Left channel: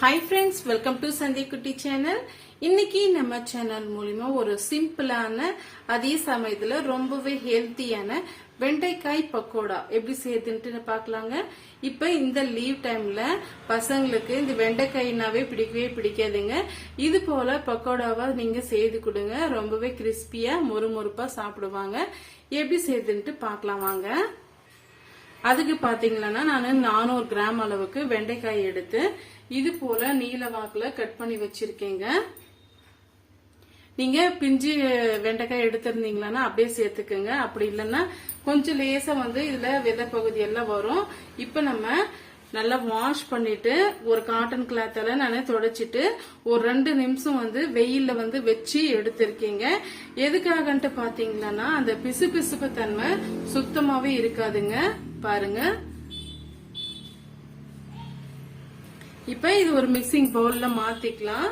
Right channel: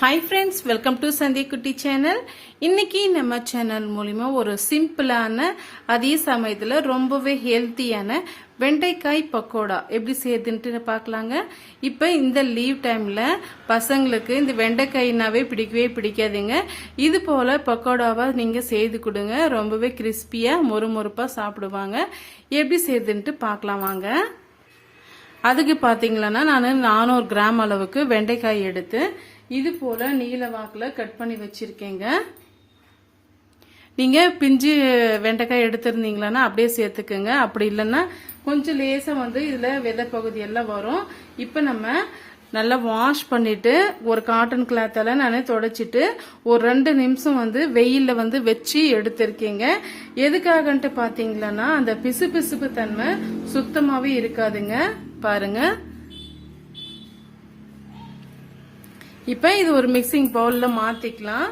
Hi friends welcome to संदी कुटी channel இன்னைக்கு நம்ம சேனல் மூலமா ஒரு சிம்பிளான அதே சமயத்துல ரொம்பவே ஹெல்த்தியான வெண்டைக்காய் பக்கோடா எப்படி செய்யறதுன்னு பார்க்கலாங்க. இப்ப இந்த லீவ் டைம்ல பசங்களுக்கு இந்த வெண்டைக்காய்னாவே பிடிக்கவே பிடிக்காதுங்க. இது போல பக்கோடாவா நீங்க செய்து கொடுங்க, ரொம்பவே கிறிஸ்பியா மொறுமொறுப்பா சாப்பிடுவாங்க. எப்படி செய்யறதுன்னு பார்க்கலாம் வாங்க. அதுக்கு பாத்தீங்கன்னா நான் 400 கிராம் அளவுக்கு வெண்டைக்காய் எடுத்து இது போல நீல வாக்குல கட் பண்ணி வச்சிருக்கேங்க. நீங்க பிஞ்சு வெண்டைக்காய் எடுத்திருந்தீங்களா அப்படியே சேர்த்துக்குங்க. அப்படி இல்லைன்னா கொஞ்சம் லேசா இதுல விதை பகுதி எல்லாம் வரும். இப்ப நம்ம நல்லா வாஷ் பண்ணிட்டு ஒரு காட்டன் கிளாத்தால நானே தொடச்சிட்டு ஒரு 2 நிமிஷம் வெயில்ல வச்சு எடுத்திருக்கீங்க. எதுக்காகன்ட்டு பாத்தீங்களா அந்த பிசு பிசுப்பு தன்மை சுத்தமாவே இருக்காதுங்க. பாருங்க. இப்ப இது ஒரு மிக்சிங் பவுல்ல மாத்திக்கலாம்.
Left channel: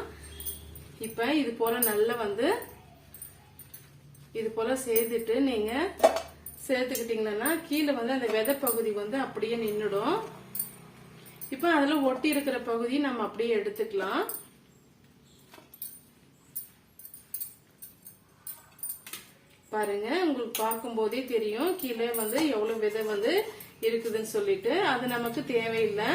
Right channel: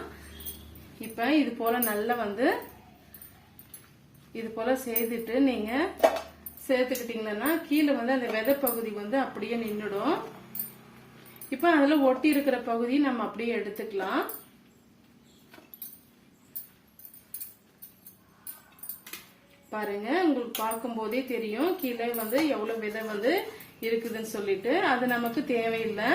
இப்ப இது போல நல்லா இது போல செய்துட்டு நீங்க சேர்த்துக்கிட்டீங்கன்னா கீழே அந்த விதை பகுதி அப்படியே நின்னுடும். இப்ப அதுல ஒட்டி இருக்கிற பகுதி நம்ம அப்படியே எடுத்துக்கலாம். பாருங்க, உங்களுக்கு பார்க்கும் போதே தெரியும் கீழே எவ்வளவு விதை இருக்குதுன்னு சொல்லிட்டு. அது நமக்கு தேவையில்லை.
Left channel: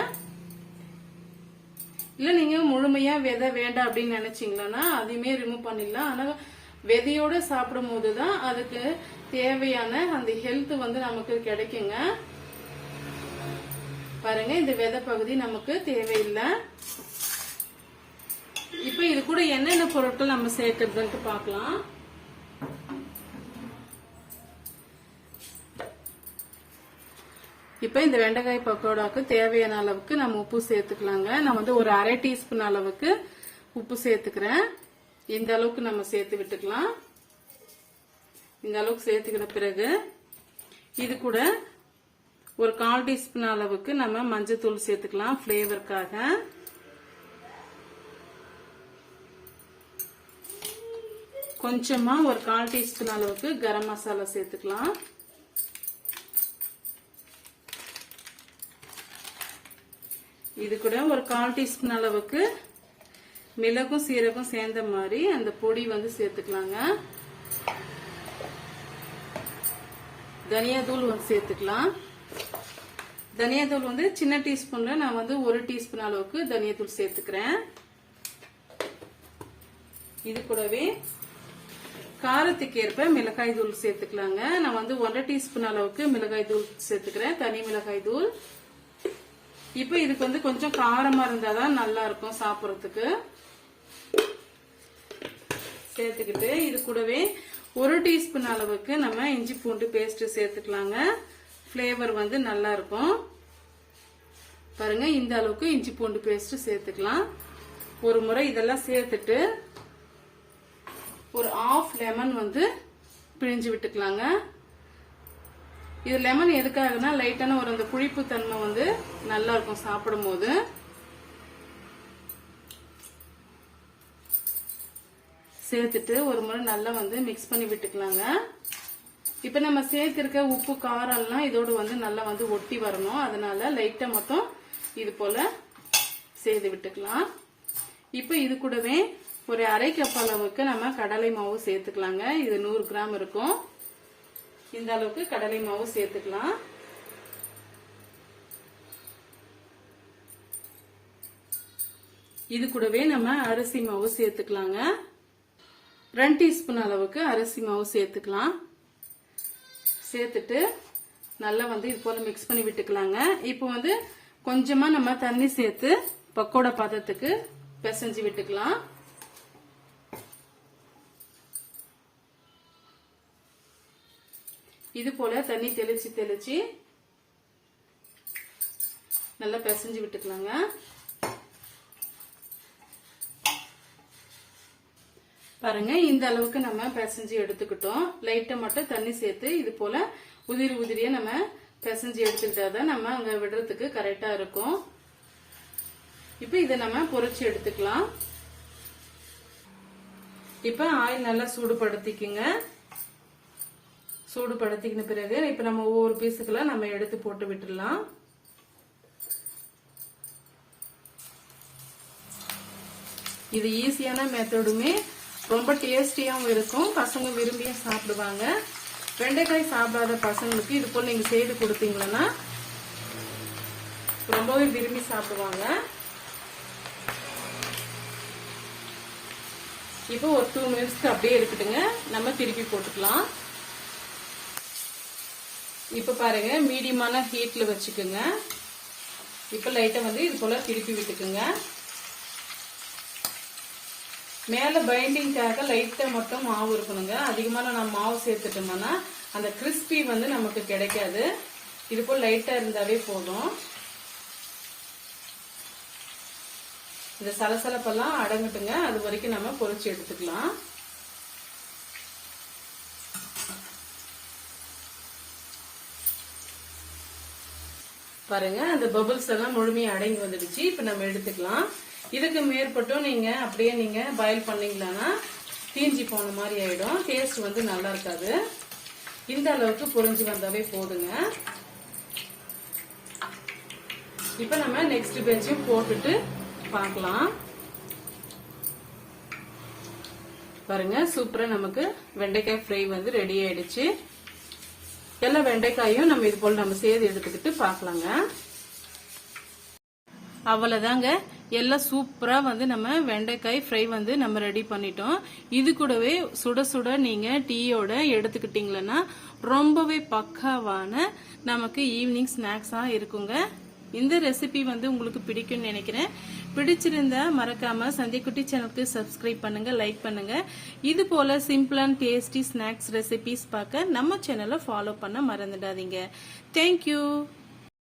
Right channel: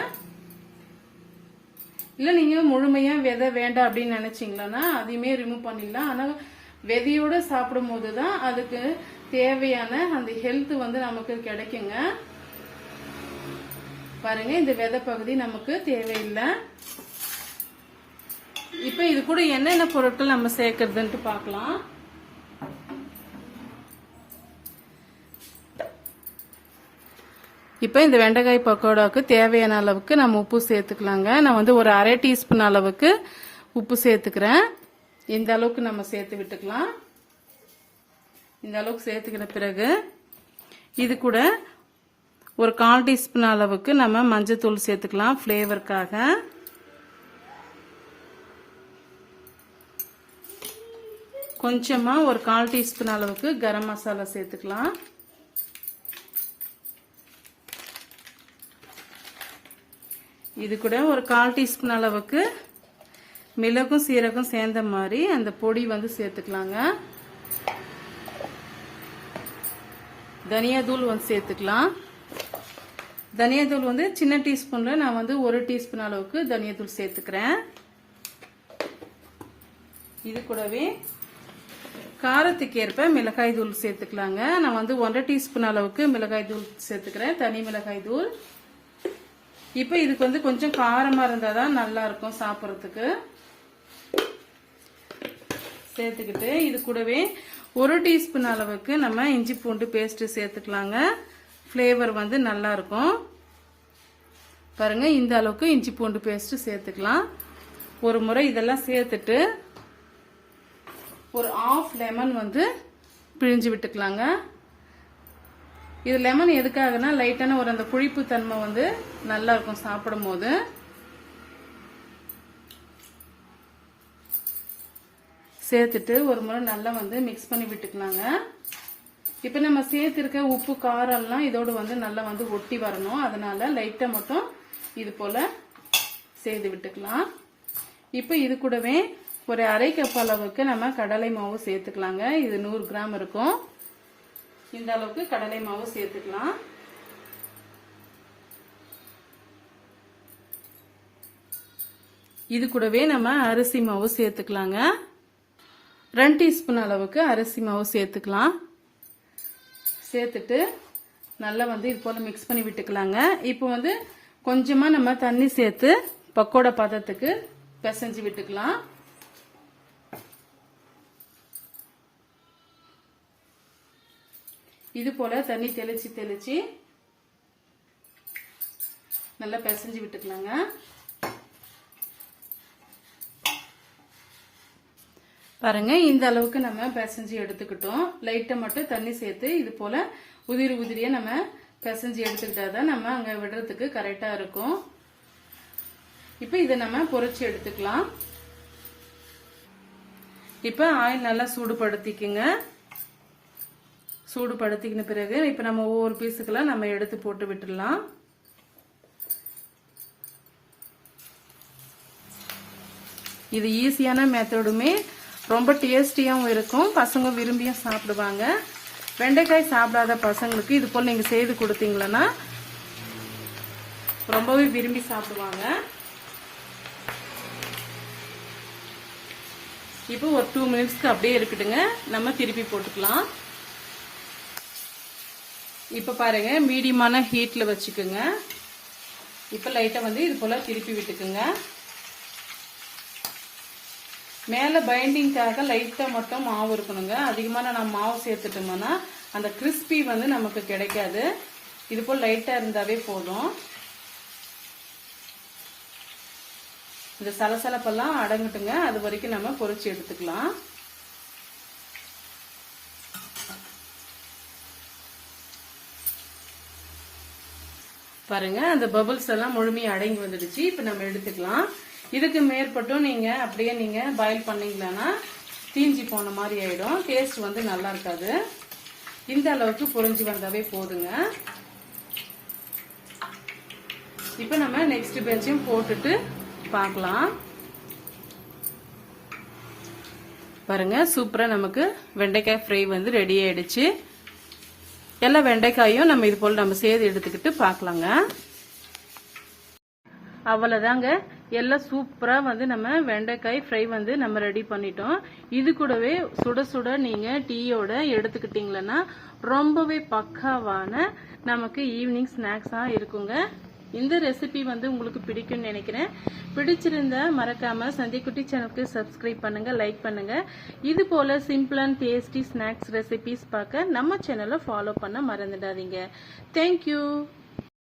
இல்ல நீங்க முழுமையா விதை வேண்டாம் அப்படின்னு நினைச்சீங்கன்னா அதையுமே ரிமூவ் பண்ணிடலாம். ஆனா விதையோட சாப்பிடும் போதுதான் அதுக்கு தேவையான அந்த ஹெல்த் நமக்கு கிடைக்குங்க. பாருங்க, இந்த விதை பகுதி நமக்கு தேவையில்லை. இப்ப இது கூட என்னென்ன பொருட்கள் நம்ம சேர்க்கறதுன்ட்டு பார்க்கலாம். இப்ப இந்த வெண்டைக்காய் பக்கோடாவுக்கு தேவையான அளவுக்கு நம்ம உப்பு சேர்த்துக்கலாங்க. நான் ஒரு 1/2 டீஸ்பூன் அளவுக்கு உப்பு சேர்த்துக்கிறேன். இந்த அளவுக்கு நம்ம சேர்த்து விட்டுக்கலாம். இந்த அளவுக்கு சேர்த்துக்கிற பிறகு இது கூட ஒரு 1/4 டீஸ்பூன் அளவுக்கு நம்ம மஞ்சத்தூள் சேர்த்துக்கலாம் ஃபிளேவருக்காக. கொஞ்சமா ஒரு 1/4 டீஸ்பூன் அளவுக்கு கரம் மசாலா சேர்த்துக்கலாம். இது கூட ஒரு 1/4 டீஸ்பூன் அளவுக்கு மிளகும் சீரகம் சேர்ந்த மாதிரி அந்த பொடி சேர்த்துக்கலாங்க. தனியாதூள் சேர்த்துக்கலாம். தனியாதூள் சின்ன டீஸ்பூன்ல நான் 1 டீஸ்பூன் அளவுக்கு தனியாதூள் சேர்த்துக்கிறேன். இது கூடவே காரத்துக்கு ஏற்ப மிளகாய் தூள் சேர்த்துக்கலாங்க. நான் 1/2 டீஸ்பூன் அளவுக்கு மிளகாய் தூள் சேர்த்துக்கிறேன், தனி மிளகாய் தூள். இப்ப இதுக்கு கொஞ்சம் காரமா இருந்தாதான் நல்லா இருக்கும் சாப்பிடறதுக்கு. சேர்த்துக்கிட்டு இது கூடவே 1 டீஸ்பூன் அளவுக்கு நம்ம இஞ்சி பூண்டு பேஸ்ட் சேர்த்துக்கலாங்க. ஃபிளேவர் நல்லா இருக்கும். பாருங்க, இந்த அளவுக்கு இஞ்சி பூண்டு பேஸ்ட் சேர்த்துக்கலாம். ஒரு முறை இதெல்லாம் சேர்த்துட்டு ஒரு 1/2 லெமன் பிழிஞ்சு விட்டுக்கலாங்க. இது லெமன் எதுக்காகனா லைட்டான ஒரு அந்த புளிப்பு தன்மை நல்லா இருக்கும் சாப்பிடும் போது. சேர்த்துட்டு ஒரு முறை நல்லா மிக்ஸ் பண்ணி விட்டுக்கலாங்க. இப்ப நம்ம சேர்த்திருக்க உப்பு காரம் எல்லாம் இதோடு நல்லா ஒட்டி வரணும். அதனால லைட்டா மட்டும் இது போல செய்து விட்டுக்கலாம். இப்ப இது கூடவே ஒரு 1/2 கப் அளவுக்கு நம்ம கடலை மாவு சேர்த்துக்கலாங்க. இது 100 கிராம் இருக்கும். இந்த அளவுக்கு கடலை மாவு சேர்த்துக்கலாம். இது கூடவே நம்ம அரிசி மாவு சேர்த்துக்கலாங்க. 2 டீஸ்பூன் அளவுக்கு அரிசி மாவு சேர்த்துக்கலாம். சேர்த்துட்டு நல்லா இது போல மிக்ஸ் பண்ணி விட்டுக்கலாங்க. இப்போ கொஞ்சமா நம்ம தண்ணி சேர்த்து பக்கோடா பதத்துக்கு பிசைஞ்சு விட்டுக்கலாம். இது போல தண்ணி தெளிச்சு நல்லா பிசைஞ்சு விட்டுக்கலாங்க. பாருங்க, இந்த அளவுக்கு நம்ம பிசைஞ்சு எடுத்துக்கிட்டோம். லைட்டா மட்டும் தண்ணி சேர்த்து இது போல உதிரியா நம்ம பிசைஞ்சு எடுத்துக்கிட்டாதான் நம்ம அங்க விடுறதுக்கு கரெக்டா இருக்கும். இப்ப இதை நம்ம பொரிச்சு எடுத்துக்கலாம். இப்ப ஆயில் நல்லா சூடுபடுத்திக்குங்க. சூடுபடுத்தின பிறகு இப்ப நம்ம ஒவ்வொரு பீஸுக்கெல்லாம் நம்ம எடுத்து போட்டு விட்டுடலாம். இது ஈஸியான மெத்தடுமே ரொம்ப டேஸ்டியாவும் இருக்கும், பசங்க விரும்பியும் சாப்பிடுவாங்க. வெண்டைக்காய் சாப்பிடாத பசங்களுக்கு இது போல நீங்க செய்து கொடுத்தீங்கன்னா ரொம்பவே விரும்பி சாப்பிடுவாங்க. இப்போ ஒரு 2 மினிட்ஸ்க்கு அப்படியே இருக்கட்டுங்க, நம்ம திருப்பி போட்டுக்கலாம். இப்ப பாருங்க, மீடியமான ஹீட்ல வச்சுக்கோங்க. இப்ப லைட்டா வந்து இது போல திருப்பி விட்டுக்குங்க. மேல பைண்டிங்காக லைட்டா மட்டும் மாவு இருக்கணுங்க, அதிகமான நம்ம மாவு சேர்த்துட்டோம்னா அந்த கிறிஸ்பி வந்து நமக்கு கிடைக்காது. இது போல் லைட்டா இருந்தாவே போதும். இந்த சலசலப்பெல்லாம் அடங்கட்டுங்க, அது வரைக்கும் நம்ம பொரிச்சு எடுத்துக்கலாம். பாருங்க, அந்த பபிள்ஸ் எல்லாம் முழுமையா அடங்கி வந்துடுச்சு. இப்ப நம்ம எடுத்துக்கலாம். இதுக்கு மேற்பட்டும் நீங்க அப்படியே நீங்க பாயில் பண்ணீங்கன்னா தீஞ்சி போன மாதிரி ஆயிடும், டேஸ்ட் வந்து நல்லா இருக்காது. இந்த அளவுக்கு புரிஞ்சு வந்தாவே போதுங்க. இப்ப நம்ம நெக்ஸ்ட் பேட்சையும் போட்டுட்டு பார்க்கலாம். பாருங்க, சூப்பரா நமக்கு வெண்டைக்காய் ஃப்ரை வந்து ரெடி ஆயிடுச்சு. எல்லா வெண்டைக்காயும் நம்ம இது போல நம்ம சேர்த்து எடுத்துக்கிட்டு பார்க்கலாங்க. அவ்வளவுதாங்க, எல்லாம் சூப்பரா வந்து நம்ம வெண்டைக்காய் ஃப்ரை வந்து நம்ம ரெடி பண்ணிட்டோம். இது கூடவே சுட சுட நீங்க டீயோட எடுத்துக்கிட்டீங்கன்னா ரொம்பவே பக்காவான நமக்கு ஈவினிங் ஸ்நாக்ஸா இருக்குங்க. இந்த ரெசிபி வந்து உங்களுக்கு பிடிக்கும்னு நினைக்கிறேன். பிடிச்சிருந்தா மறக்காம சந்திக்குட்டி சேனலுக்கு சப்ஸ்கிரைப் பண்ணுங்க, லைக் பண்ணுங்க. இது போல simple and tasty snacks recipes பார்க்க நம்ம சேனலை ஃபாலோ பண்ண மறந்துடாதீங்க. தேங்க்யூ.